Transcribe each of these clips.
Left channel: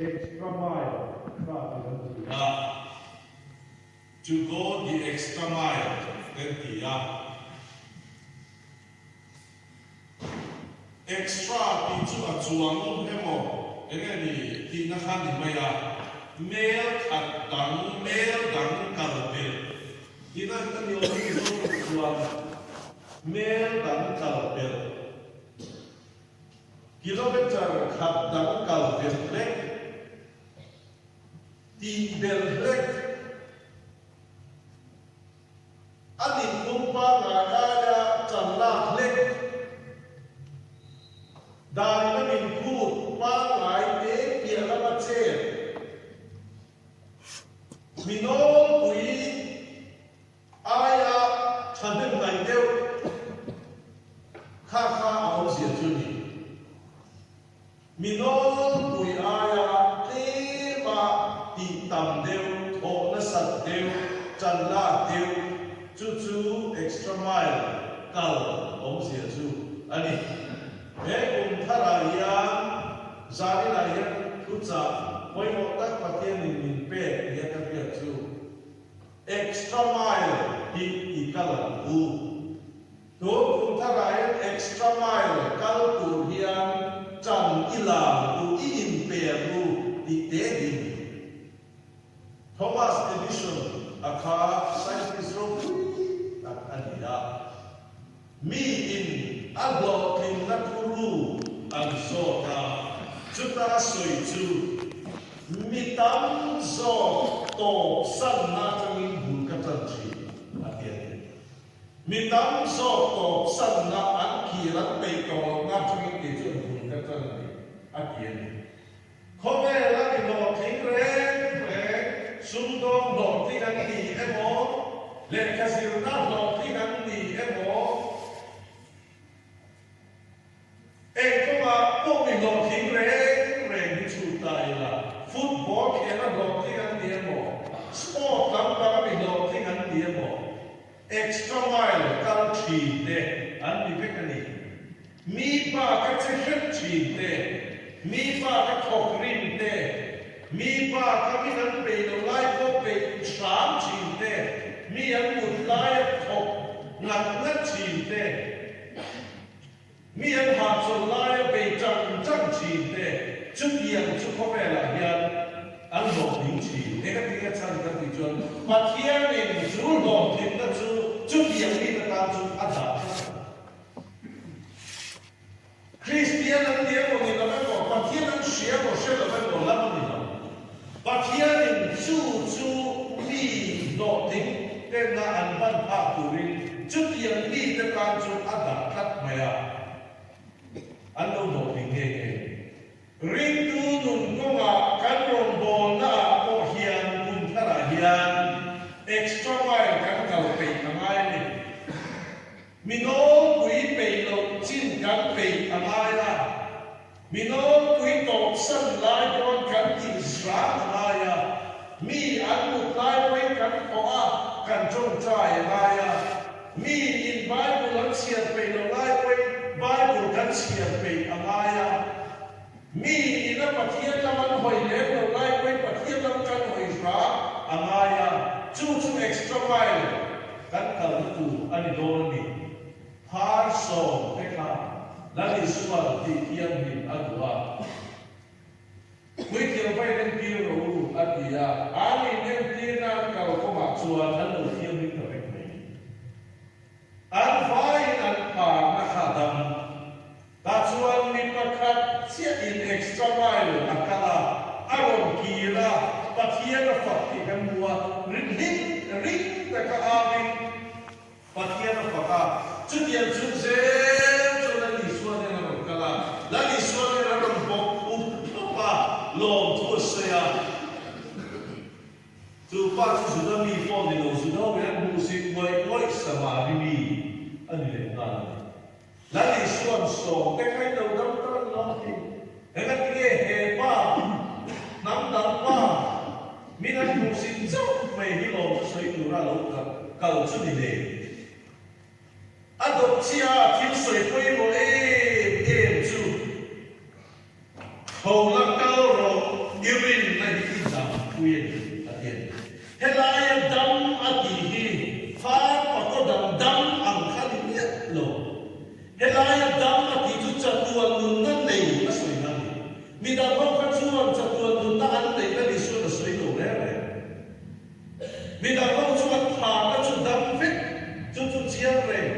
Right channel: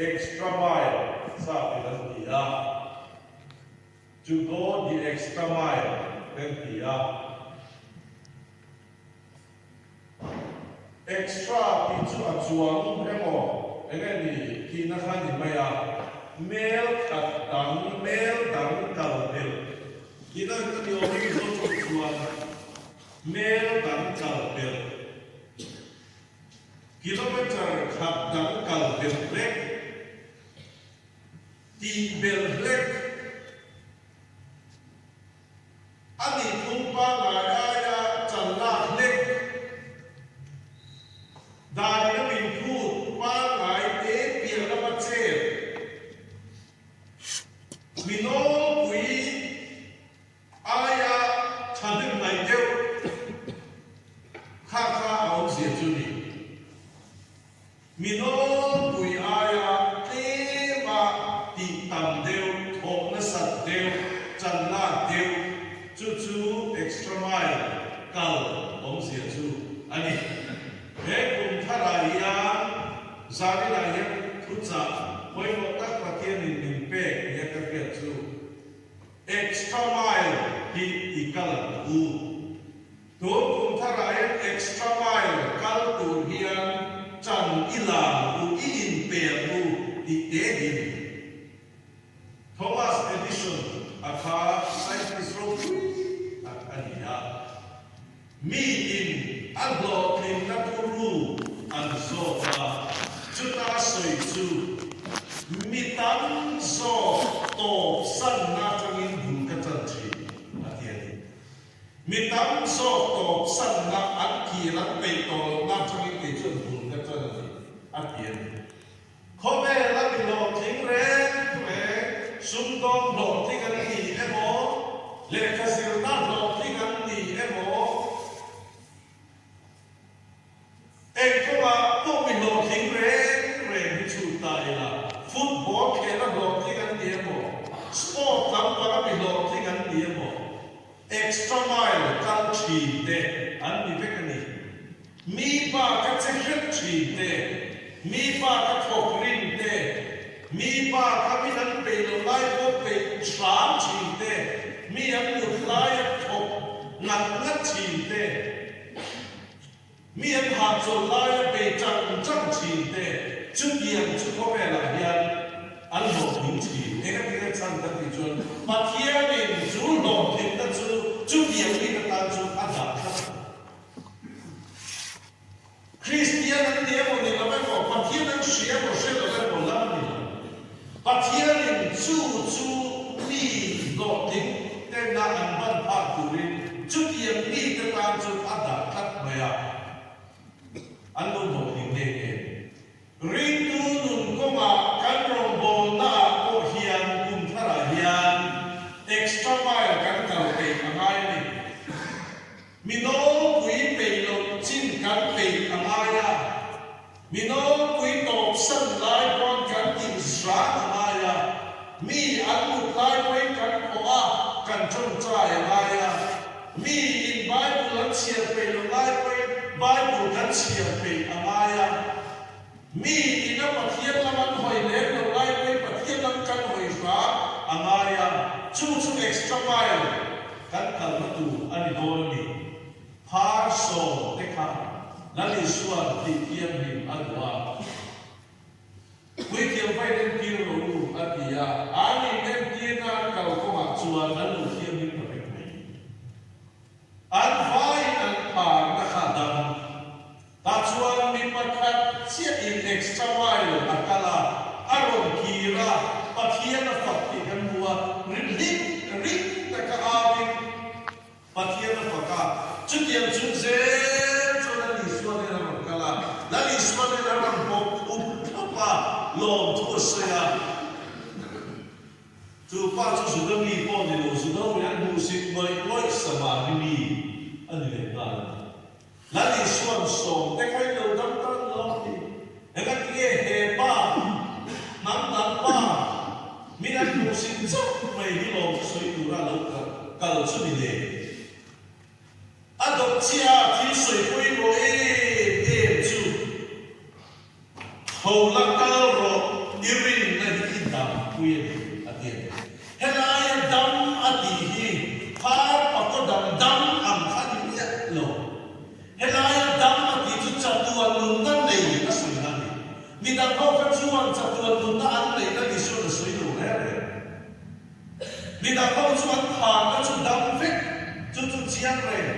extra mile sa pinantiya. To go the extra mile pinantiya. Extra pichu achuang emo engani tinahan ni maya mel at mel dang kalbel. Kita ni orang itu achuang mel dang kalbel. Kilometer khat dang kalbel lek ti bel lek ani kumpa ngaya chanla lek dan na min put pa ngai te pia na ma che mino kui aya thandin nai deu kha au sia chu ni mino kui aya te ma ti tam deu tho na sat deu chan la deu chu extra mile kal om sia chu ani Hekun tharaya zamiraya tutsa koi motak patian in pe ya kapia chu extra mile hi ikala u to kun tharaya extra mile kal tu hian chan ila u in pe u ti te din Thomas Edison akha scientist ro ania mi in aglo kin na puru an so pa chuta soi chu mitam so to san na tangin bun ka tan chi atiani mitam so to san na an ki ra pe to na tangin ke chu bun ka tan atiani khobe la bi lo thing re re sum dong lo thing an ni e mo le ka sil na lo thing an ni e mo Football kena blok dengan dia mo, sport tanpa kami blok dengan dia mo, extra mile kal cinte, andi bekani, mi pa kacecet cinte, mi pa kathokrin te, mi pa kami nan pelolai ko pe tram cinte, mi ang utlai thok ngat cinte, mi ang hatsolai pe chang cinte. Chúng tiền chúng có vẻ là hiện ăn hộp những chỉ để các cái chân các thị trường mà thiên mình chú lòng thiên các chú tiền đi là tam chú ăn đạp Christian ăn tiền của mình là mấy bộ mà thiên ăn xé của xé là mấy bộ lắm mình mà thiên mình chú mi lộ tính tên là ăn văn pháp của mình chú tiền đi là tam chú ăn đạp thắt mày à ăn đồ một hình nghề ring tu nun ko ma kan rong bo na ko hian kun thara hian extra mile kan kal pe ngai ni mino kui pe lo chin kan pe angaya mino kui top san lai bon kan tin sra angaya mi an mut lai koi kan ko a kan chon chai angaya mi in bible chia pe lo lai koi bible kan chia pe angaya mi ina pathian laman hoi lem lo lai koi pathian lam kan hoi ra amaya chu extra mile kan kal tu ani dol ni par so te kha lali sual ti kiam ni adwa kui kiam vai den tir ro atia ani den tir na kal ko ma chuan an lo kiam ni correct mai an vai an par na khadam ta chuan ni pakhat sia in extra mile akala aron kira pathian na fakti kan bua ring ta ka avin pathian na faka chutian chunze chola li suane na kala la li suane na ron bok pa lom tu saya tu pa chu su da mi po ni lo su da wen mu sin moi sama ni ani le na la li suan so te kai lo dam ta lo ti enga ti he pa nam dam pa mina mu sin so mai ni lo soi tu ra lo kal chu ni le adop chia ti soi poi mo chu ho la kal ro mi đang không phát chuan chặt chuan tụ ta ăn lấy ta đi xuân là suy đủ đấy đấy mi đang không chuan thả ta chuan đâm phết chuan chiang đấy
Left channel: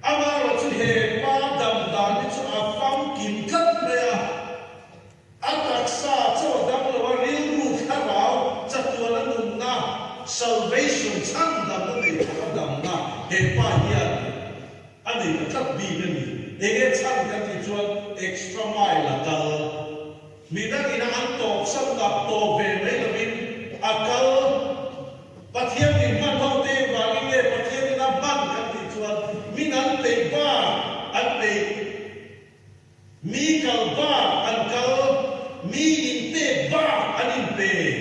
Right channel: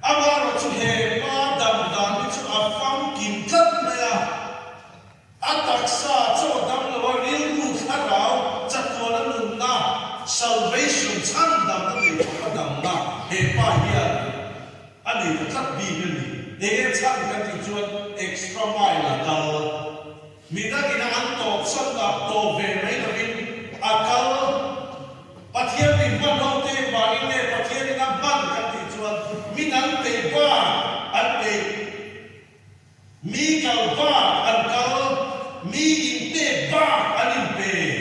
ama là chuan hè ma đầm đàn đi chuan áp phăng kim thất đấy à atak sa cho đâm là vào riêng mu khát ráo chặt chuan nó nung na salvation chăn đầm nó để cho đầm na hè pa hiền anh ấy khát bi cái gì ege chăn cái gì chuan extra mile là tao mi đã kina an top san đạp to về mấy là mình akal pathian mình ban hậu tê và in nghe pathian mình ban cái gì chuan mình ăn tê ba ăn tê mi kal ba ăn kal mi in tê ba ăn in tê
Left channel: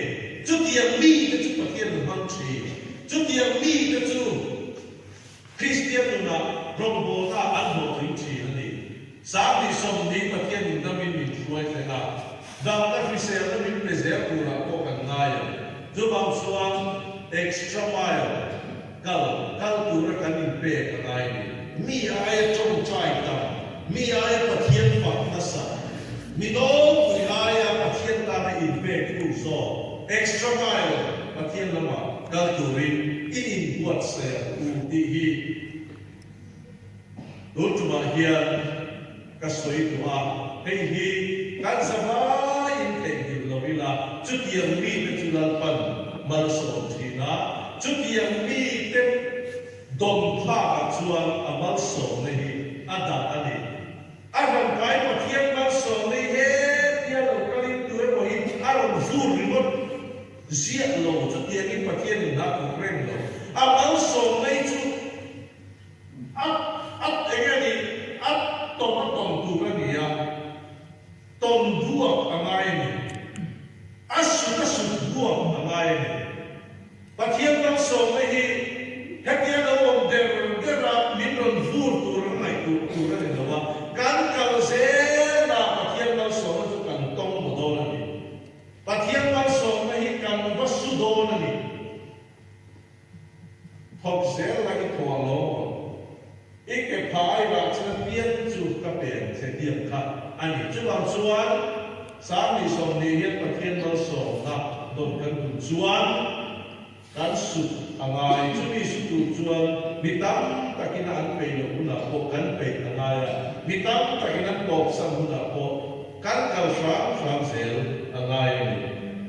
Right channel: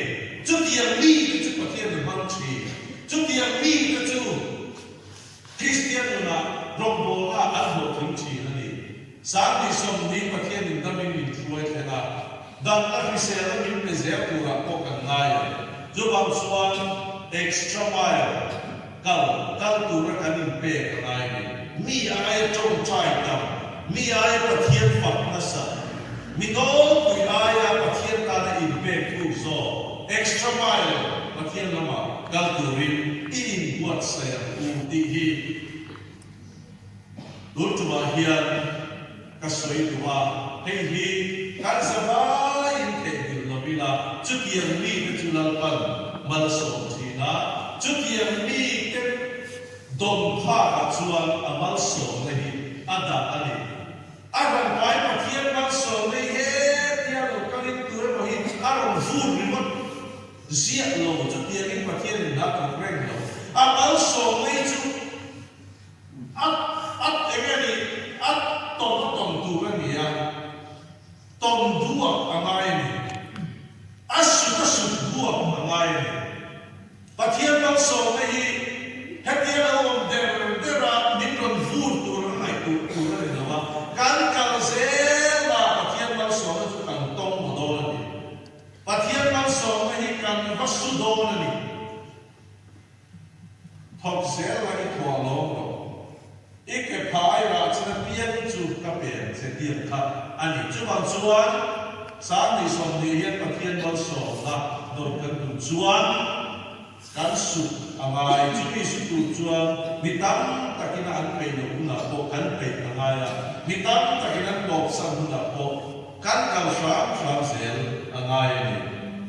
chút tiền mi để chút pathian mình mang chi chút tiền mi để chút Christian na rombo na ăn một thỉnh chi anh ấy sáng đi xong đi pathian mình đã mình chuối thế nào dan ta fisel na min preserve tu ra ko kan ngaya jo bang suan extra mile kal tu ra kan in pe kan ai mi ai trong chai tam mi ai pathian fak na sa mi no tu ai pathian ta na in pe tu so extra mile pathian lama kal tu rin in buat saya ti hi ultima hian kasoi tu a hei hi kan sama in te bil lo bila chút yang mi te chulal pan mal so thina chút yang mi te don pha ka chuan amal so ne hi ada ani agan kai pathian mal so ne he tia lo kalin tu mo hi aron fur rimot zia lo chút yang in pathian na ka reng lo amal so ne chu at engani at tom tu ka ni ya tom buak angai ni asu buak angai ni pathian mang so na hi hetian on dera min ron fur tur ai tu ra ni dawa kan kal ze na pathian mang so na chu kan tong mo do na ni pathian mang so na hi kan vasu do na ni thok ze la i thwa lo ike phai ra chna pian chu ka pen se tiam kha ani chu bang chuan sáng đi xong đi hết pathian bao sổ na đồn kan tu chuan kan su angai chu đi su tu chuan mi tam takina an pe lo na po kan pe angai mi tam takina pop sang hu na po kan kal sham sel angai ni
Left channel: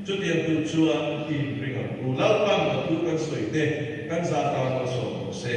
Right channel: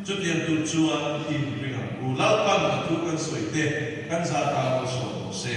chu tiam tu chuan in ring u lau pang tu kan soi te kan za ta bao sổ se